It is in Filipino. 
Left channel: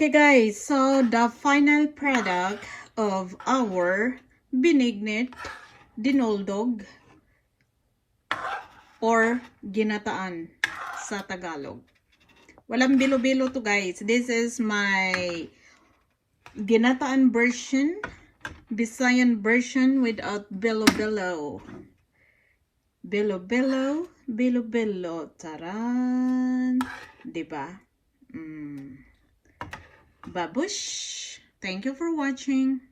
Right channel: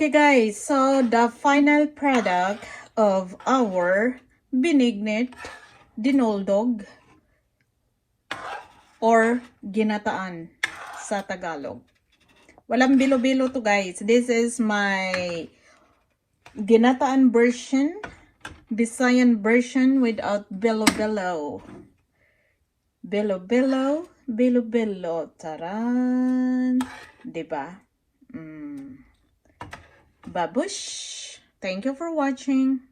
Okay guys, so the final product of our binignit dinoldog or ginataan sa Tagalog. Walang bilo-bilo to guys. This is my ginataan version, Visayan version without bilo-bilo. Bilo-bilo, bilo-bilo. Taran! Diba? Babush! Thank you for watching.